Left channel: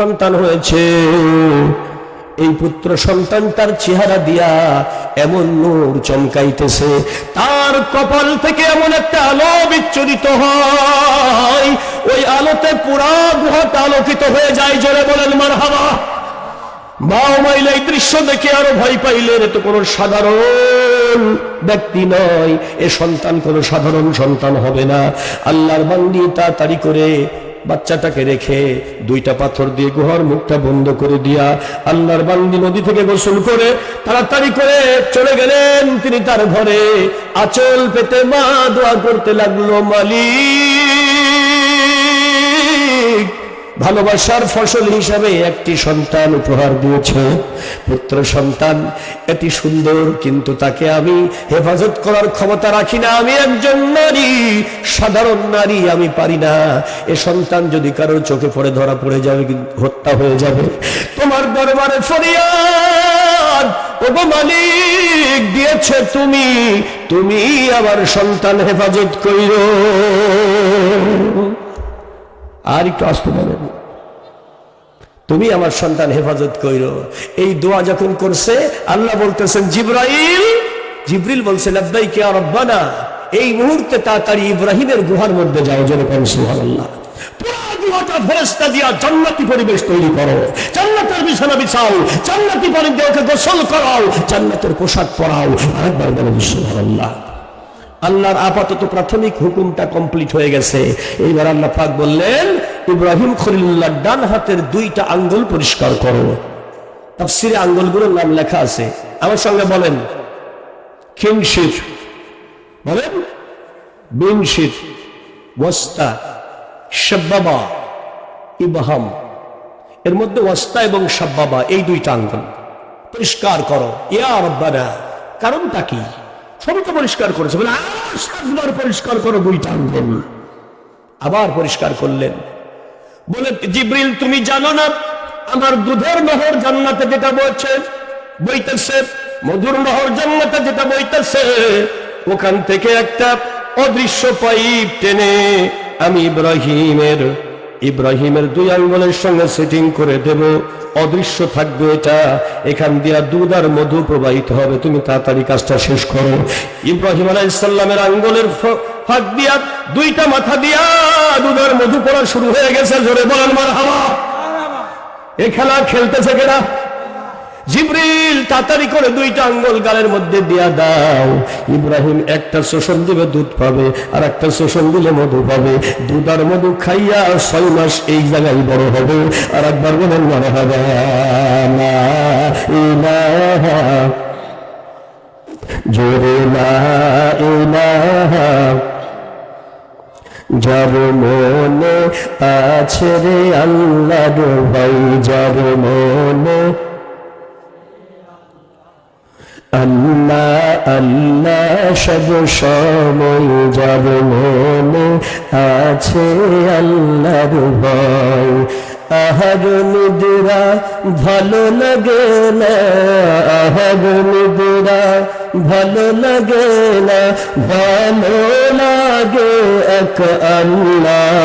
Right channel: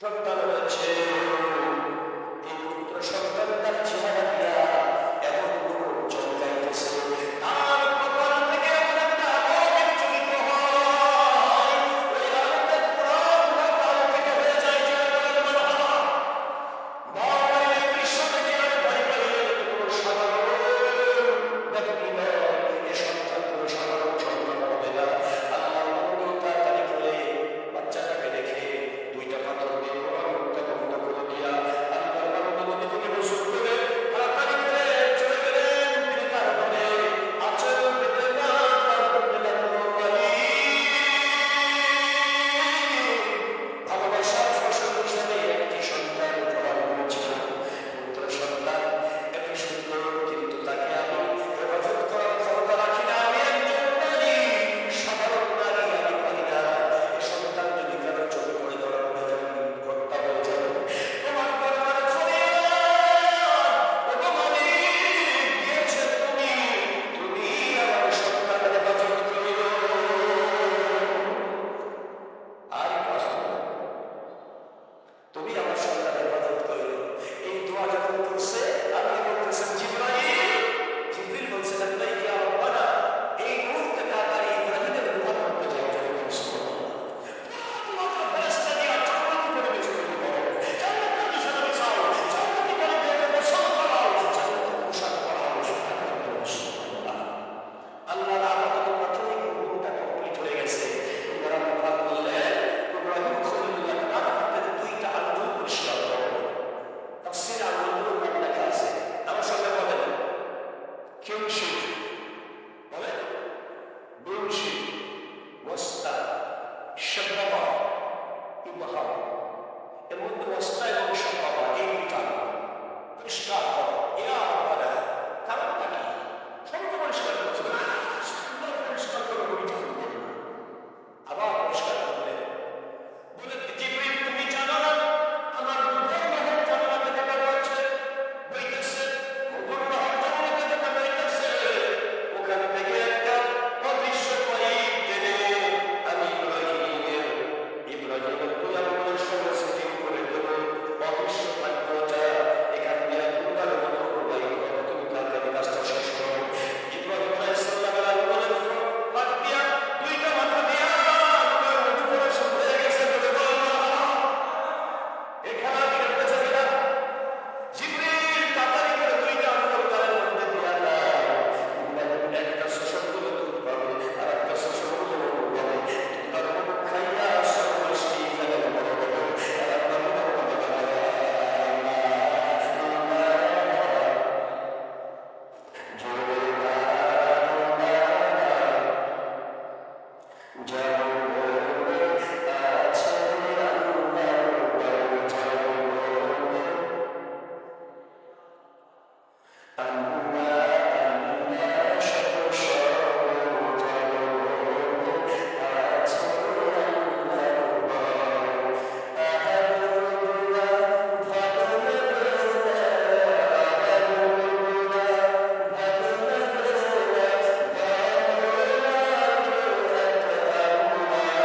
সন্তান হয়েছে। এই পুত্র সন্তান তার চেহারা দিয়া এমন নূর চমকাইতেছে। তার কপাল থেকে এমন একটা আলো বিচ্ছুরিত হয়। ওই আলোতে পুরা গুহাটা আলোকিত হয়ে যায়। জোরে বলেন মার হাওয়া বাও মাইলে এই দৃশ্য দেখে আরও ভয় পাইলেন তো কোনো সাধারণ ব্যক্তি নয়। এ সন্তান কোনো সাধারণ সন্তান হবে না। আল্লাহর বান্দি তাড়াতাড়ি করে বাচ্চাটাকে রেখে দুইটা পাথর দিয়ে গুহার মুখটা বন্ধ করে দিয়া আল্লাহর বান্দি নদী থেকে গোসল করে তাড়াতাড়ি করে চলে গেলেন। তিনি তার ঘরে আচল পেতে মা দোয়া করতে লাগল, মালিক। ভালোবাসার ফসল হিসাবে একটি সন্তান উপহার দিয়েছে, পুত্র সন্তান। এটি সুন্দর, কিন্তু তাকে আমি হেফাজত করার ক্ষমতা রাখি না। আমি একজন নারী, সাধারণ নারী, আমি পারি না। এ সন্তান যদি কারোর চোখে পড়ে, ধরা পড়ে যাবে হত্যা হয়ে যাবে। তোমার দরবারে ফরিয়াদ, ওগো মালিক, দিয়েছে তুমি তুমি আমার সন্তান হেফাজত কইরো আর একটু আসতে বলেন তুমি আমার সন্তান হেফাজত কইরো। এই দোয়া যখন করছে, আল্লাহ বলতেছেন, জিব্রাইল জিব্রিল বলছে লব্বাই কে রব্বানা। এই মুহূর্তে তাড়াতাড়ি ইব্রাহিমের গুহার মধ্যে যাও যেরকম সুবহানাল্লাহ। পুরা গুহাটা ফেরেশতা দিয়া জান্নাতি পরিবেশ তৈরি করো। জান্নাতের বিছানা বিছাও, জান্নাতি পরিবেশকে গোসল করাও, জান্নাতের পোশাক পরাও। আরেকবার বলেন সুবহানাল্লাহ। আল্লাহর আপাতত প্রাথমিক হুকুমটা কমপ্লিট হয়ে গেছে। এইবার আল্লাহ পাক বললেন, ইব্রাহিম খলিল্লাহ ডান হাতের দুইটা আঙ্গুল পরিষ্কার করো। তাফসিরে আঙ্গুলগুলোর নাম লেখা আছে। আমার সঙ্গে বলেন, খিনশির। বলেন, বিনশির। ওয়াস্তা। শাব্বাবা। ইবহাম। এর মধ্যে ওয়াস্তা এবং শাব্বাবা, এই দুইটা আঙ্গুল। পরিষ্কার করো। ইয়া রব্বানা, কারণটা কি? তো পরিষ্কার করেছে। বলে আর সাতবার পরিষ্কার করো দুইটা আঙ্গুল আবার পরিষ্কার করলেন। বলে জিব্রিল, তুমি জানো না, আমার দুধের নহর জান্নাতে যেটা বইছে, বইতেছে, মধুর নহর জান্নাতে যেটা বইতেছে, ওখান থেকে একটা অদৃশ্য পাইপ টেনে আমি ইব্রাহিমের ইব্রাহিমের দুই আঙ্গুলের সঙ্গে সেটিং করে দেব। অদৃশ্য থাকবে এটা। এখান দিয়া দুধ আর মধু প্রবাহিত হবে। তুমি তাড়াতাড়ি কাজটা শেষ করো। ইব্রাহিম আলাইসাল্লামের আঙ্গুলের ফাঁক দিয়া দুইটা মাথা দিয়া দুধ আর মধু পড়া শুরু হয়ে গেছে। জোরে বলেন মার হাওয়া এ খেলা খেলতেছে কেনা জিব্রিল, তাড়াতাড়ি করে দুইটা আঙ্গুল গালের মধ্যে দিয়া দাও। ইব্রাহিম একটা শোষণ দিবে দুধ পাবে, আর একটা শোষণ দিলে মধু পাবে। দুধ আর মধু খাইয়া ছয় মাস এই জায়গায় বড় হবে, আর একবার বলেন মনে হবে জোরে না যার মনে আছে রে আল্লাহ ভাই, যার মনে আল্লাহ আল্লাহ সব সময় যার মনে আছে আল্লাহর ভয়। আহার নিদিরা, ভালো লাগে না। আহার নিদিরা, ভালো লাগে না। ভালো লাগে এক আল্লাহ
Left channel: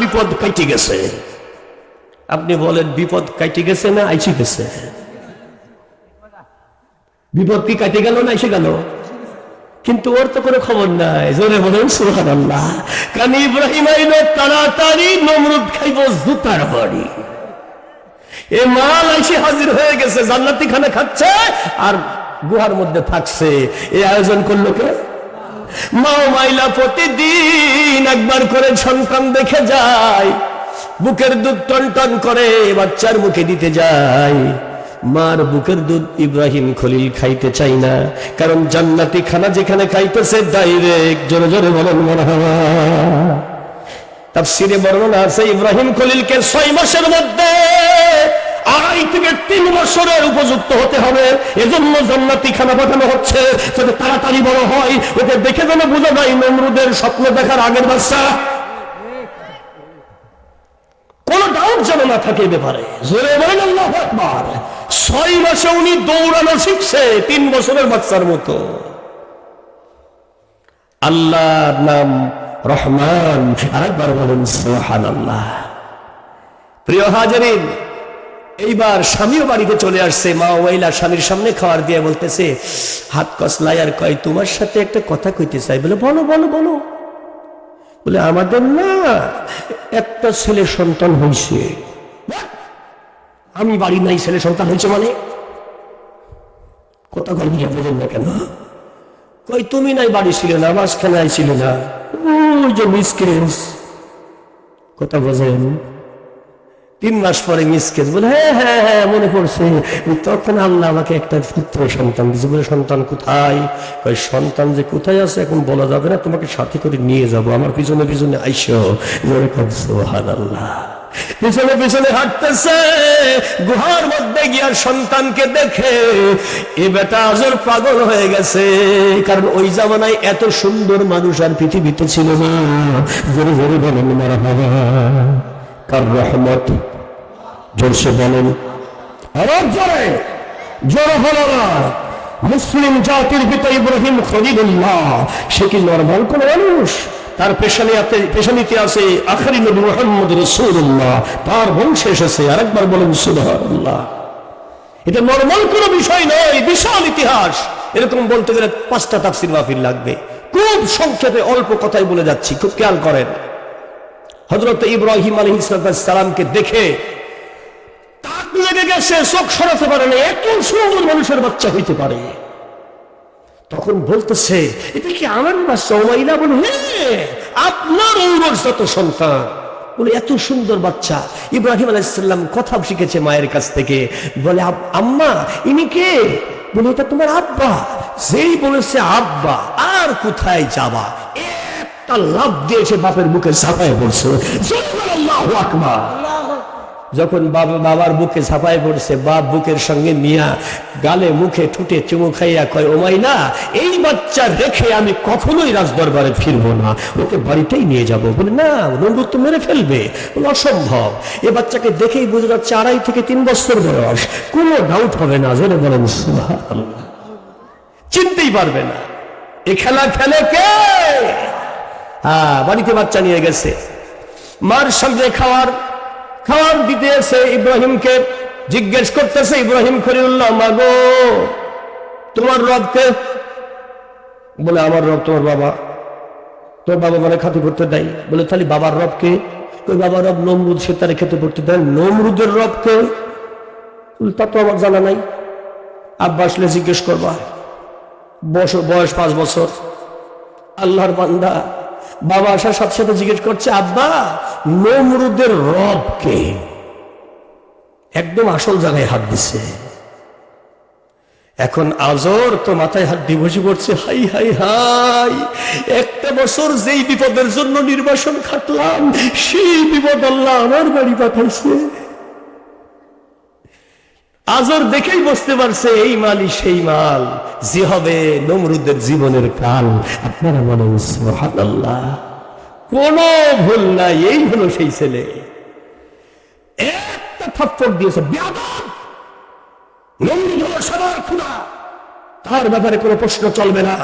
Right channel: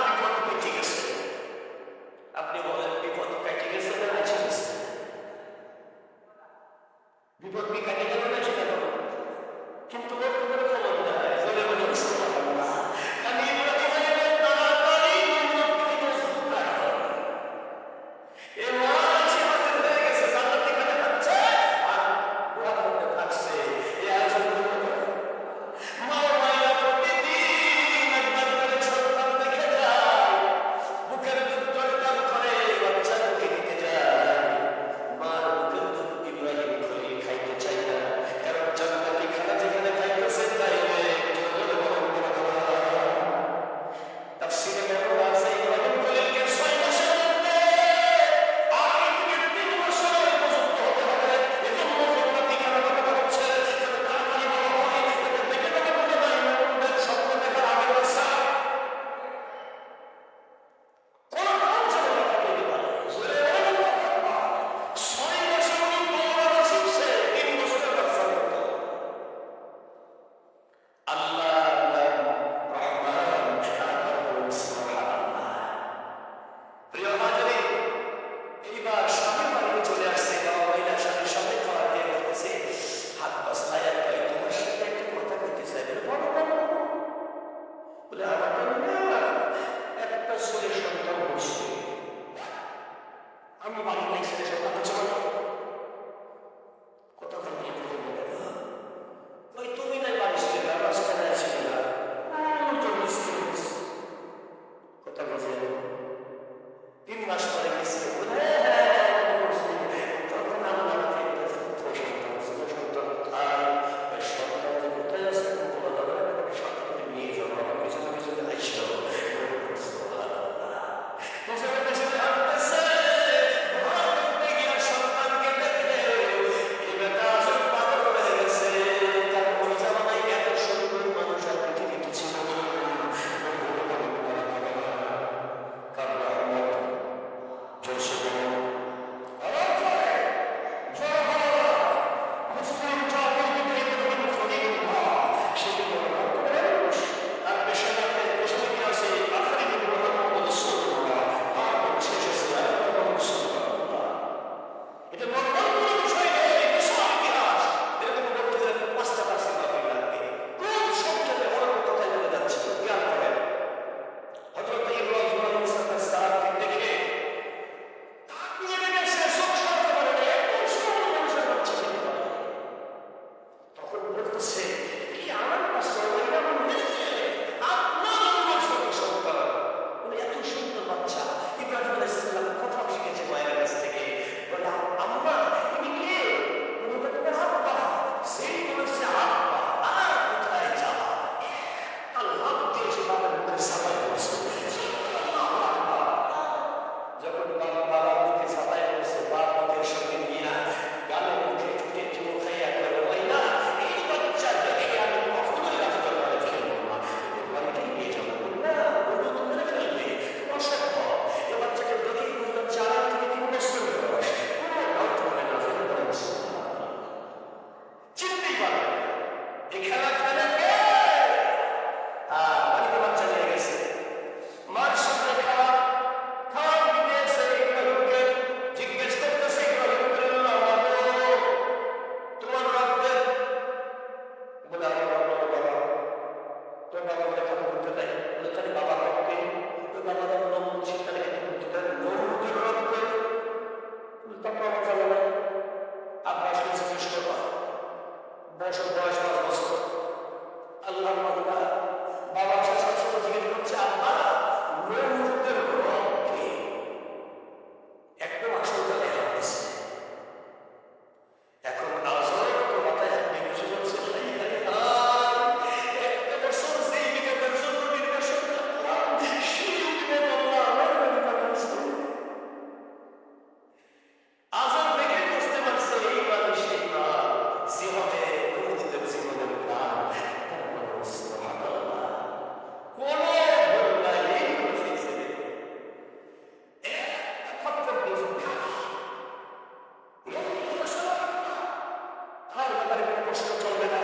বিপদ গেছে। আপনি বলেন, বিপদ কেটে গেছে না আইসি গেছে? বিপদ কি কেটে গেল না এসে গেল? কিন্তু ওর তো কোনো খবর নাই। জোরে বলেন সুহান আল্লাহ কারণ ইব্রাহিম তাড়াতাড়ি নমরুদ খাইব জুতার বাড়ি। এ মাল এসে হাজির হয়ে গেছে, জান্নাতি খানে খাচ্ছে আর গুহার মধ্যে থাকছে। এই আয়োজন করল কে? মা মাইলা প্রতিদিন একবার করে সন্তান দেখে যায়, বুকের দুধ টন করে, বাচ্চার মুখে দিতে যায়। মার বুকের দুধ ইব্রাহিম খলিল খাইতে চাই না, কারণ জান্নাতি খানা যেখানে খাইতেছে ডাইরেক্ট জোরে জোরে বলেন মরহাবা তাফসিরে বর্ণনা আছে, ইব্রাহিম খলিলকে ছয় মাসের মধ্যে আড়াই থেকে তিন বছরের উপযুক্ত হতে হবে। এজন্য জান্নাতি খানা পাঠানো হচ্ছে, যাতে তাড়াতাড়ি বড় হয়। ওকে দেখে যেন বুঝে যায় নমরুদের স্বপ্ন দেখার আগের বাচ্চা। কোন ডাউট যেন না থাকে ব্যাপারে। জোরে বলেন আল্লাহু আকবার। ছয় মাসে উনি দৌড়ানো শিখছে তিন বছরের বাচ্চার মতো। আল্লাহর নাম রহমান। আরেকবার বলেন সুবহানাল্লাহ। প্রিয় হাজারিন এইবার স্বামীও বাড়িতে চলে আসছে। মা ওয়াইলা স্বামীর সামনে খাওয়ার দিয়ে বলতেছে, হাত কসলাই আর কয়, তোমার সাথে একটা কথা কইতে চাই। বলে, বলো বলো বলো। বলে, আমাদের না, একটা ছেলে সন্তান হয়েছে আমি বাড়ি নাই, ছেলে সন্তান হয়েছে মানে? কথা গল্প বলেন না কেন? কই, তুমি নাই, বাড়ি ছিল না, মাঝখানে আইছিল না। ওই যে মিসকেস কথা বোঝেন? তিন মাস পরে মিসকেস বলে হ্যাঁ হ্যাঁ হ্যাঁ মনে পড়ছে। তখন আল্লাহ আমাকে একটা পুত্র সন্তান দিয়েছে। বলে, সন্তান কোথায়? ওই সন্তান যে কোথায় আছে এখন বলা যাবে না, তোমাকে সাথে করে নিয়ে যাব। আমার পিছনে পিছনে আইসো। সোহান আল্লাহ পিছনে পিছনে হাঁটতেছে। গুহার মধ্যে গিয়া সন্তানকে দেখে এ বেটা আজর পাগল হয়ে গেছে। কারণ ওই জামানায় এত সুন্দর মানুষ আর পৃথিবীতে ছিল না। জোরে জোরে বলেন মারা বাবা কার রহমত জোরসে বলেন। মুসলিম জাতির পিতা ইব্রাহিম খলিলুল্লাহ, সে কি নর্মাল কোন মানুষ? তার পেশানিয়াতে পেশানিতে আছে, আখারি নবী মোহাম্মদ রসুল্লাহ তার বংশে এসেছে, আরেকবার বলেন এটা নর্মাল কোনো বিষয় নয় বিশাল ইতিহাস। এরকম বলতে গেলে পাঁচটা তাফসির লাগবে। খুব সংক্ষেপে অল্প কথাই বলে যাচ্ছি, খুব খেয়াল করেন। হজরত ইব্রাহিম আলী সালামকে দেখে তাক লেগে গেছে, চোখ সরাতে পারে না, এত সুন্দর মানুষের বাচ্চা হইতে পারে। তখন বলতেছে, এটা কি আমার বাচ্চা আপনার সন্তান। বলে, এত সুন্দর বাচ্চা। ইব্রাহিম আলাইসাল্লাম কথা শিখেছে মায়ের কাছ থেকে। বলে, "আব- আম্মা, ইনি কে? বলে, এটা তোমার আব্বা। যেই বলেছে আব্বা, আর কোথায় যাবা? একটা লাভ দিয়েছে বাপের মুখে ঝাঁপায় পড়ছে। যখন বাবা বাবার বুকে ছাপায় পড়ছে, বাপ বুকের সঙ্গে নিয়া গালে মুখে ঠুটে চুমু খাইয়া কয় ওমাই না এই বাচ্চা রেখে আমি কখনোই রাজদরবারে ফিরবো না। ওকে বাড়িতেই নিয়ে যাব। বলে, না নন্দুর তো মেরে ফেলবে। অসম্ভব। এ বাচ্চাকে দেখেই বুঝে যাচ্ছে আড়াই থেকে তিন বছর বয়স। কোনো ডাউট হবে না। জেনে বলেন চিনতেই পারবে না। এ খেলা খেলে কে? হ্যাঁ বাড়িতে বাচ্চা নিয়ে গেছে। মার সঙ্গে খাওয়ার খাওয়ার দিতে এসে ইব্রাহিমকে, জিজ্ঞেস করতেছে ইব্রাহিম খলিল্লাহ মাগো, তোমার রবকে বলে, আমার রব তোমার বাবা। তোর বাবা মানে খাতি করতে দেয়। বলে, তাহলে বাবার রবকে ওই বাবার রব নমরুদ, সে তারা খেতে পড়তে দেয়। নমরুদের রবকে তা তো আমার জানা নাই। আব্বা আসলে জিজ্ঞেস করবা। বছর বয়স পাঁচ বছর। আল্লাহর বান্দা বাবা আসার সাথে সাথে জিজ্ঞেস করছে, আব্বা, নমরুদের রবকে একদম আসল জায়গায় হাত দিছে। এখন আজর তো মাথায় হাত দিয়ে করছে হাই হাই হাই, একটা বছর যেই বিপদের জন্য নির্বাসন খাটলাম, সেই বিপদ আল্লাহ আমার বাড়ি পাঠাইছে। আজর দেখেই বুঝতে পারছে, এই মালই সেই মাল। যে হবে নমরুদের জীবনের কাল আপনারা বলেন, সুবহানাল্লাহ। কোন ভুল নাই, এই হলো সেই ছেলে। একটা থাপ্পড় দিয়েছে নমরুদ হলো তার ব্যাপারে কোনো প্রশ্ন চলবে না।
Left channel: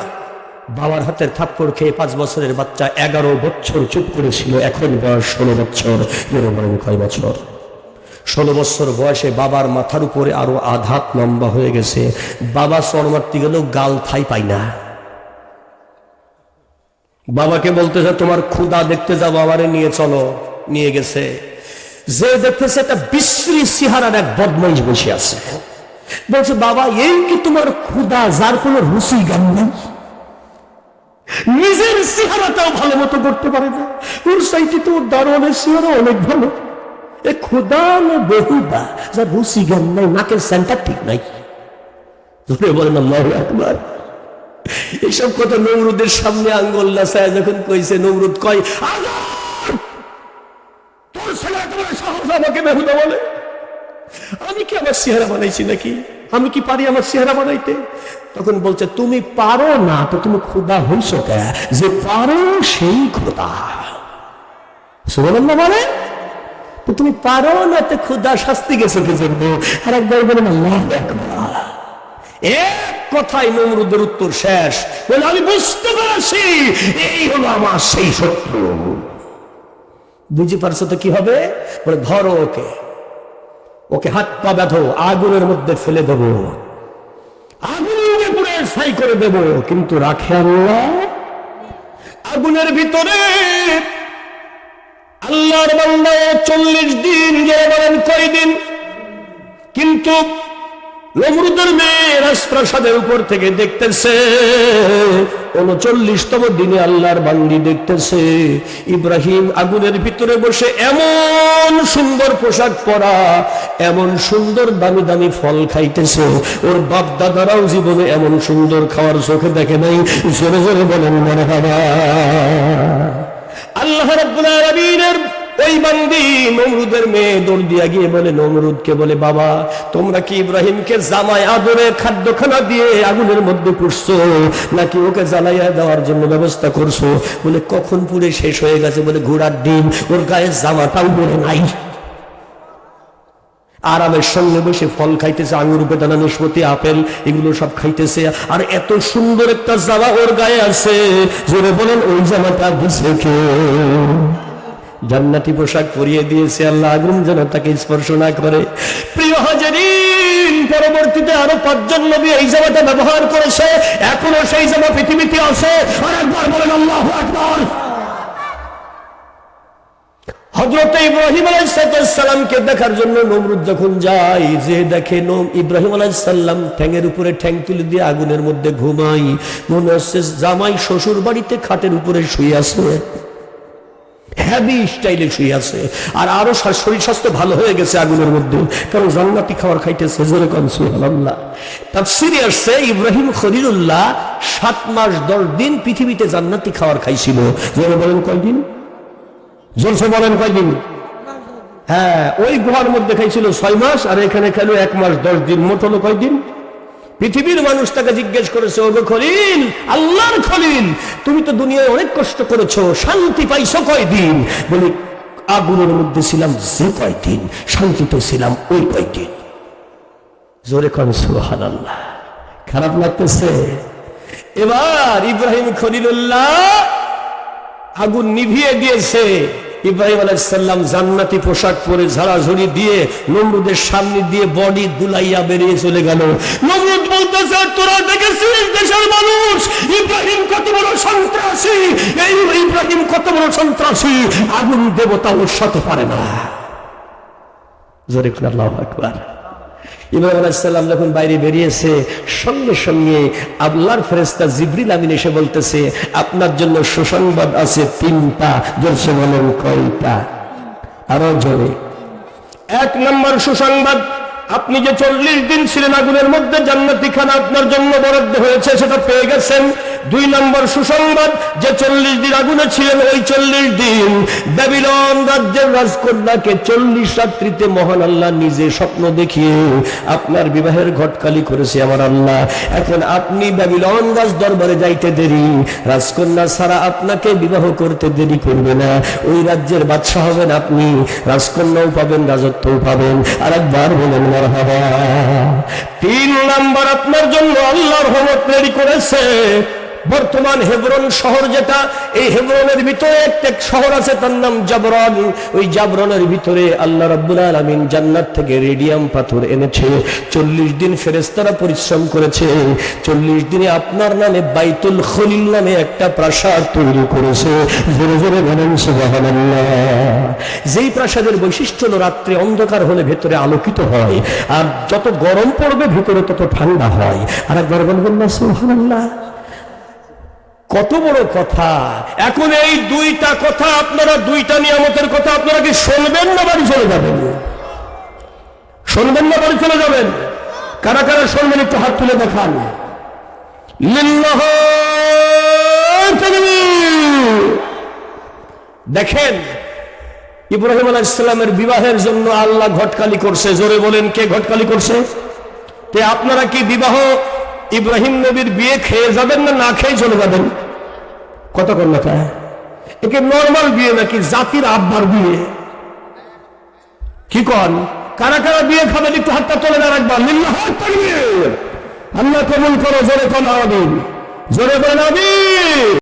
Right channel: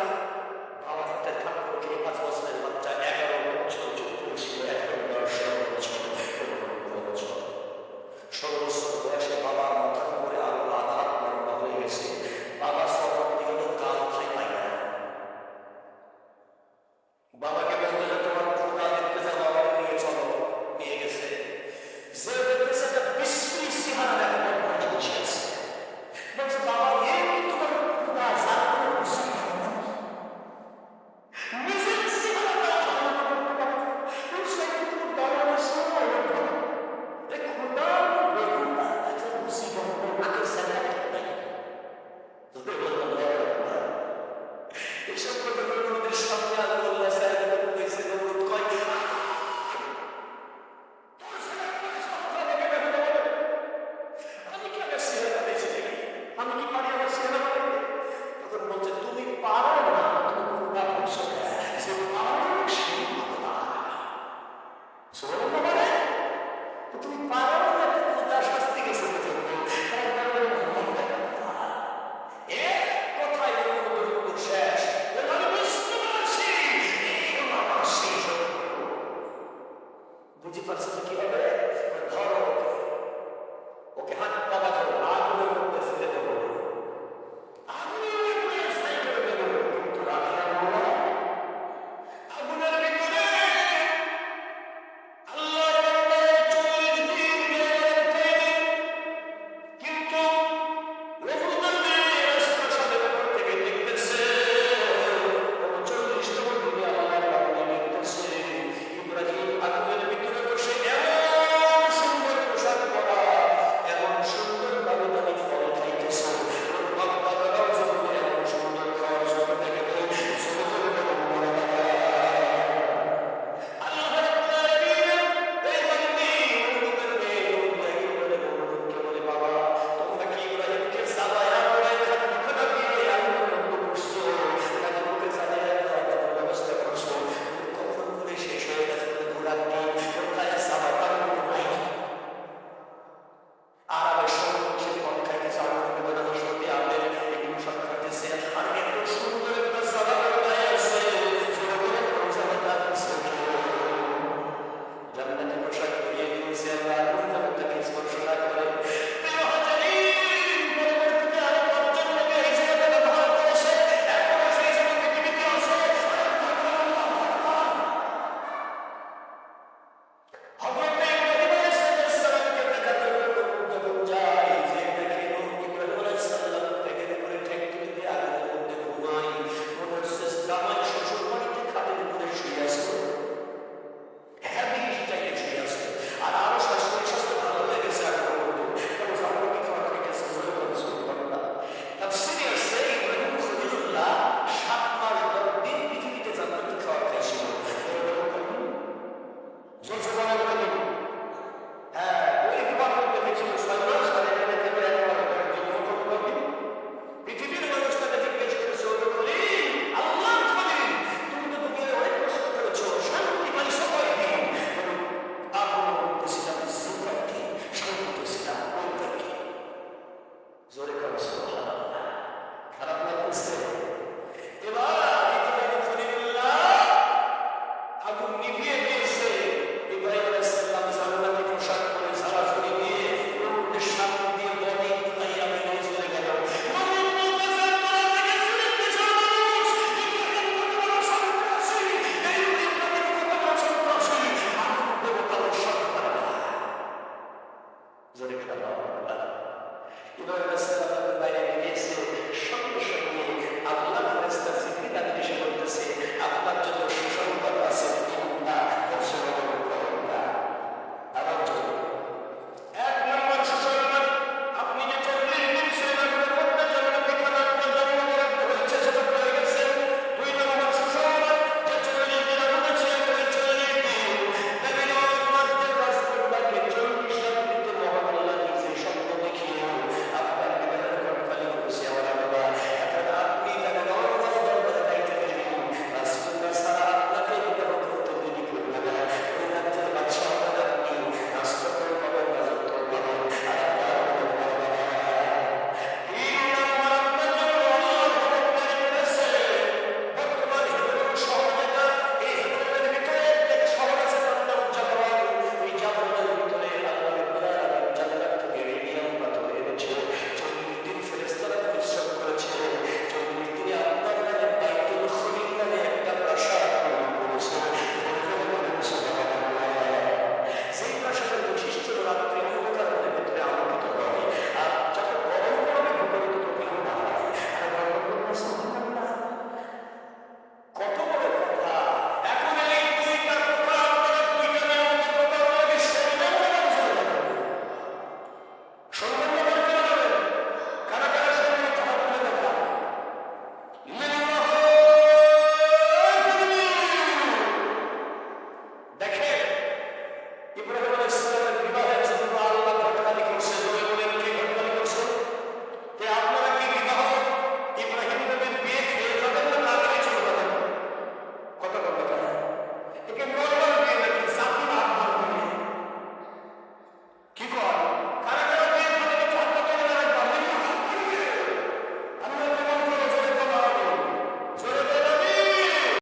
বাবার হাতের থাপ্পড় খেয়ে পাঁচ বছরের বাচ্চা এগারো বছর চুপ করেছিল, এখন বয়স ষোলো বছর। এর বলেন কয় বছর? ষোলো বছর বয়সে বাবার মাথার উপরে আরও আধাত লম্বা হয়ে গেছে। বাবা চর মারতে গেলেও গাল থাই পাই না। বাবাকে বলতেছে তোমার ক্ষুদা দেখতে যাব আমারে নিয়ে চলো। নিয়ে গেছে। যে দেখতেছে একটা বিশ্রী সিহারার এক বদমাইশ বসে আছে। বলছে, বাবা, এই কি তোমার ক্ষুদা যার কোনো রুচি গান নেই। নিজের চেহারাটাও ভালো মতো করতে পারে না। ওর সাইটে তো দারোয়ানের চেহারা অনেক ভালো। এ খোদা না বেহুদা যার রুচি জ্ঞান নাই, নাকের সেন্টার ঠিক নাই। বলেন, আল্লাহ আকবার। এইসব কথা নমরুদের সামনে আঙ্গুল নাসায় যখন কইছে, নমরুদ কয়! তোর ছেলে সাহস আমাকে বেহুদা বলে। আমি কি আমার চেহারা বানাইছি নাকি? আমি কি পারি আমার চেহারা বানাইতে? তখন বলছে, তুমি পারো না, তো তুমি খোদা হইছ কে? যে পারো সেই খোদা। মানে তো তুমি পারো না তো খোদা শাস্তি গেছে কে আর একবার আল্লাহ এক কথাই নমরুদের উত্তর শেষ। বলে, আমি বুঝতে পেরেছি, এই হলো আমার সেই শত্রু। বুঝে পারছ তো কি হবে? বলে, ধরো ওকে। ওকে হাত পা ব্যথো আগুনের মধ্যে ফেলে দেবো। আগুনে পুড়ে ছাই করে দেব। কিন্তু রাখে আল্লাহ, আগুনের ভিতরে আল্লাহর বান্দায় চল্লিশ দিন গেলে বলেন কয়দিন কিন্তু নমরুদের মেয়ে রাজপ্রাসাদের উপর থেকে দেখতেছে, উনচল্লিশতম দিনে আল্লাহর বান্দি দেখতেছে, ইব্রাহিম আগুনের ভিতরে বসে এমন সুন্দর পোশাক পরা, এমন সুন্দর দামি দামি ফল খাইতেছে। ওর বাপ দাদারাও জীবনে এমন সুন্দর খাওয়ার চোখে দেখে নাই, জোরে জোরে বলেন, মনে বাবা বলে বাবা, তোমরা কি ইব্রাহিমকে দিয়ে আগুনের নাকি ওকে জ্বালাইয়া দেওয়ার জন্য ব্যবস্থা করছ? বলে, কখন শেষ হয়ে গেছে? বলে, ঘোড়ার ডিম, ওর গায়ে জামাটাও পরে নাই। আরামের সঙ্গে বসে ফল খাইতেছে, আঙুর, বেদানা নিষ্পতি আপেল, এগুলো সব খাইতেছে। আর এত সুন্দর একটা জামা ওর গায়ে আছে। জোরে বলেন, ওই জামাটা দিছে কে? জান্নাতি পোশাক পরিয়ে দিয়েছে আল্লাহ, আগুন যেন তাকে স্পর্শ না করে। প্রিয় হাজারিন, পরবর্তীতে আরও পাঁচজন নবী এই জামাটা ব্যবহার করেছে। এখনও সেই জামা পৃথিবীতে আছে। আর একবার বলেন, আল্লাহ আকবার। হজরত ইব্রাহিম আলাইসালামকে দেখার জন্য নমরুদ যখন যায়, যে দেখে নম ইব্রাহিম আলাইসাল্লাম ঠ্যাঙের উপরে ঠ্যাং তুলে দিয়ে আগুনের মধ্যে ঘুমাই মনে হচ্ছে জামাই শ্বশুর বাড়িতে খাটের উপরে শুয়ে শরীর স্বাস্থ্য ভালো হয়ে গেছে আগুনের মধ্যে। কারণ জান্নাতি খাইতেছে ইব্রাহিম খলিলুল্লাহ সাত মাস দশ দিন পৃথিবীতে জান্নাতি খাবার খাইছিল। বলেন কয়দিন? জলসে বলেন কয়দিন? হ্যাঁ ওই গুহার মধ্যে খাইছিল ছয় মাস, আর এখানে খেলো এক মাস, দশ দিন, মোট হলো কয়দিন? পৃথিবীর মানুষ তাকে জিজ্ঞেস করেছে, ওগো খলিল, আল্লাহর খলিল, তুমি তো দুনিয়ায় অনেক কষ্ট করেছ, শান্তি পাইছো কয়দিন? বলি, আগুনের মধ্যে ছিলাম যে কয়দিন, শান্তিতে ছিলাম ওই কয়দিন। জোরে কম সুহান আল্লাহ খারাপ লাগতেছে। এবার ইব্রাহিম খলিলুল্লাহ আগুন নিভিয়ে দিয়েছে। ইব্রাহিম আলাইসাল্লাম জান্নাতি পোশাক পরে ঝাড়াঝড়ি দিয়ে নমরুদের সামনে দিয়ে বডি দুলাইয়া বেরিয়ে চলে গেল। নমরুদ বলতেছে, তোরা দেখেছিস দেশের মানুষ? ইব্রাহিম কত বড় সন্ত্রাসী? এই ইব্রাহিম কত বড় সন্ত্রাসী? আগুন দেবতা ওর সাথে পারে না। জোরে আল্লাহ ইব্রাহিম আলাইসাল্লাম যখন বাইরে বেরিয়েছে, সঙ্গে সঙ্গে আল্লাহর ফেরেস্তা জিবরিল আমিন এসে বলতেছে, আপনার জন্য সুসংবাদ আছে তিনটা জলসে বলেন কয়টা? আরও জোরে। এক নম্বর সুসংবাদ, আপনি যে চল্লিশ দিন ছিলেন মধ্যে জান্নাতি খানা আপনার জন্য বরাদ্দ হয়েছে, সেটা পেয়ে গেছেন। দুই নম্বর সুসংবাদ, যে চল্লিশ দিন আগুনে ছিলেন ওই চল্লিশ দিন। ব্যাবিলন রাজ্যের রাজকন্যাকে চল্লিশ রাত্রিতে মহান আল্লাহ নিজে স্বপ্ন দেখিয়ে আপনার বিবাহের ঘটকালি করেছে আমার আল্লাহ। এখন আপনি ব্যাবিলন রাজ দরবারে যাইতে দেরি, রাজকন্যা ছাড়া আপনাকে বিবাহ করতে দেরি করবে না। ওই রাজ্যের বাদশাহ হবেন আপনি, রাজকন্যাও পাবেন, রাজত্বও পাবেন। আর একবার বলেন, মারহাবা। তিন নাম্বার, আপনার জন্য আল্লাহর হোমত তৈরি করেছে। বর্তমান হেবরন শহর যেটা, এই হেবরনের ভিতরে একটা শহর আছে, তার নাম জাবরন। ওই জাবরনের ভিতরে আল্লাহ রাব্বুল আলামিন জান্নাত থেকে রেডিয়াম পাথর এনেছে। চল্লিশ দিন ফেরেস্তারা পরিশ্রম করেছে। চল্লিশ দিনে আপনার নামে বাইতুল খলিল নামে একটা প্রাসাদ তৈরি করেছে। জোরে জোরে বলেন, সুবহানাল্লাহ। যেই প্রাসাদের বৈশিষ্ট্য হলো, রাত্রে অন্ধকার হলে ভেতরে আলোকিত হয়। আর যত গরম পড়বে, ভিতরে তত ঠান্ডা হয়। আর একবার বলবেন না, সুবহানাল্লাহ। কত বড় কথা? এখন এই দুইটা কথা আপনারা, দুইটা নিয়ামতের কথা আপনারা কি শুনবেন না বাড়ি চলে যাবেন? শুনবেন না বাড়ি চলে যাবেন? কারা কারা শুনবেন একটু হাত তুলে দেখান। দেখেন, ইব্রাহিম আলাহ ইসলামের বিবাহের জন্য আল্লাহ ঘটকালি করছে। জোরে বলেন, কে ঘটকালি করছে? তে আপনারা কি বিবাহ ইব্রাহিম নবীর বিয়ে খেয়ে যাবেন না না খেয়ে চলে যাবেন? কত কন্যাটা একে নর্মাল বিয়ে নাকি জাতির আব্বার বিয়ে? কি কন? কারা কারা বিয়ে খাবেন? একটু হাতটা তোলে না রাখবা। আল্লাহ কবুল করো, জোরে কন আবিন জোরে কন, আমিন!